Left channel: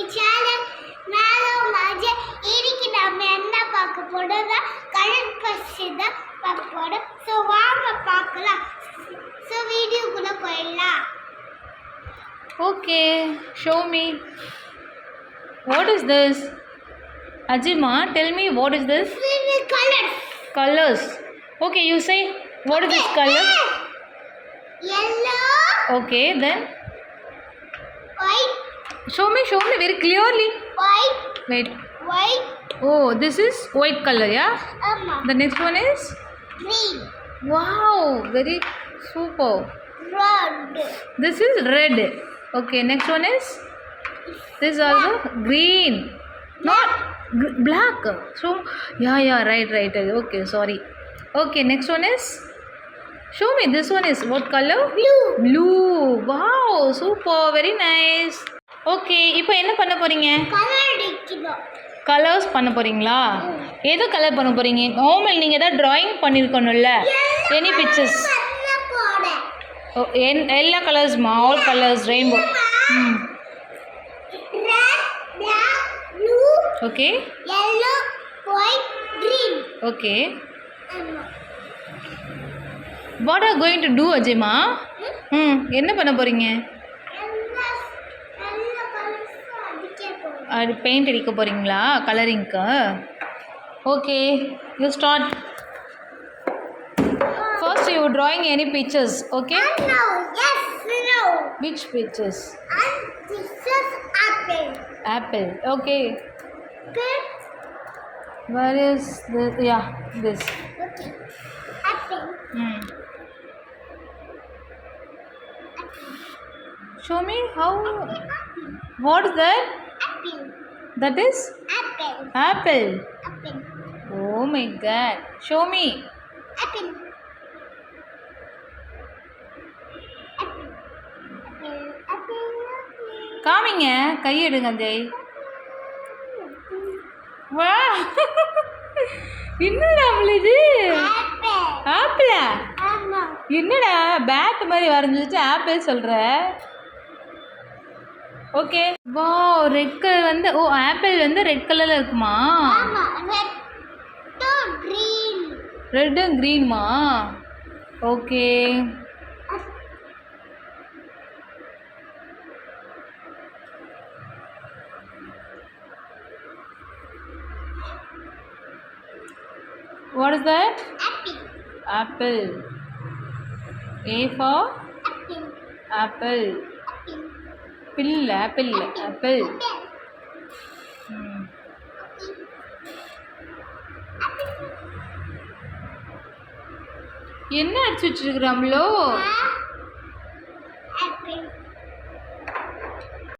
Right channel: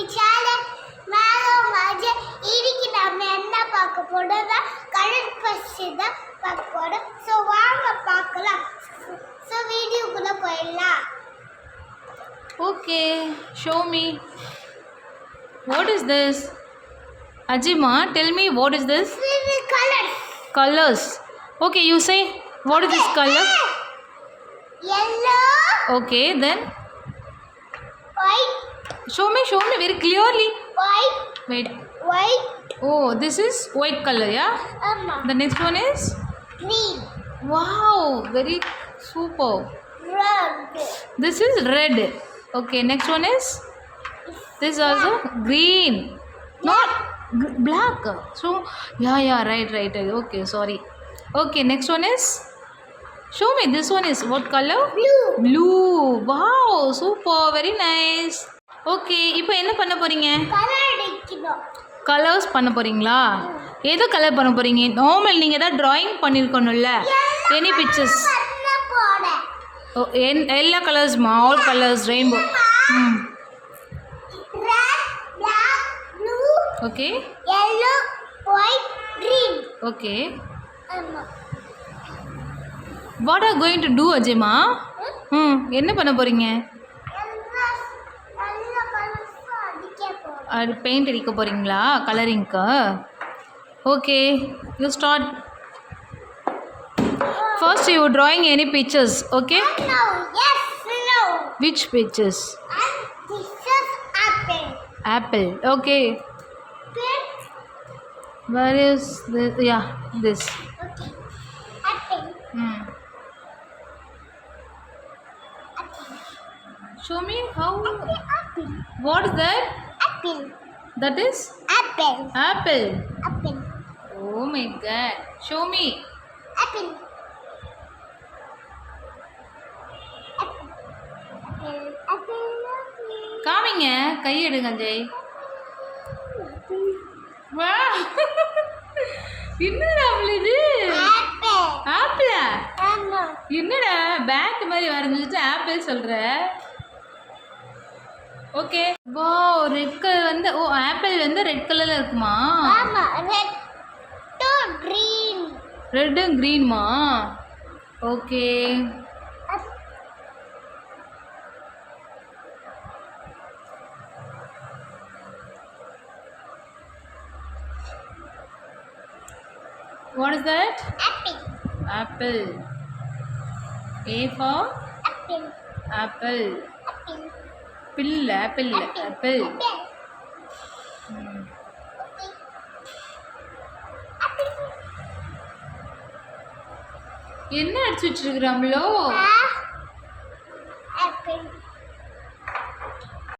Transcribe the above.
My channel. நானும் அஜய். இன்னைக்கு நம்ம என்ன பார்க்க போறோம்னா கலர் பசி தான் பார்க்க போறோம். ஸோ வாங்க பார்க்கலாம். ஸோ வீடியோக்குள்ள போயிடலாம். Okay, show me. What is this? Ajima, tell me what is this? Colors. Colors. Okay, you say what is this color? Yellow. Okay, then White. show me very clearly. White. Wait. White. Oh, this is white color, yeah? The next one is? Green. Wow, very super. Red. This is red. Okay, next one is? This is also green. Not black. So, yeah, right. Okay, sorry. Okay, next one is? Show me, this one is what color? Blue. Wow, super, very nice. Okay, இப்போ என்ன பண்ண போறீங்க? கலர் அடிக்கணும். கலர்ஸ் பண்ண போறீங்களா? எது கலர் பண்ண போறீங்க? நார்மல் நீங்க ஏதாவது டிராயிங் பண்ணிருக்கணும்ல? Any pictures? Oh, எல்லா colours all colors rainbow. Red, black, blue. Okay. Yellow, white, green. Okay. What are you going to do, Ajima? என்ன பண்ண போறீங்க? அது பெயிண்ட் அடிக்க போறீங்களா கலரிங்க்கு? Okay, you start. First you drawing any pictures, okay? No, yes, no. Which pictures? And this is apple. Apple, okay. Good. Where is this? Yeah, this. Okay. Apple. Show me how. Apple. What is that? Apple. That is? Apple. Apple. Apple. Oh my god. Show me. Apple. Apple. Apple. Apple. காமிங்க, கை எடுங்க ஜெய். வா, என்னடா இது? Apple. ஆப்பிளா? ஆமா. என்னடா பேட் மாதிரி வரைஞ்சிட்டு ஆப்பிள் சொல்ற? ஓகே. வா, ரெட் கலர் வந்து ஆப்பிள் வந்து ரெட் கலர்ல இருக்குமா? ஆமா, red to green. Red and கிரீன்மா? Okay. What is that? Apple. Apple. A for? Apple. Apple. Apple. Apple. Apple. Okay. என்ன அடிச்சு வச்சிருக்கிறோம்லோ? Apple.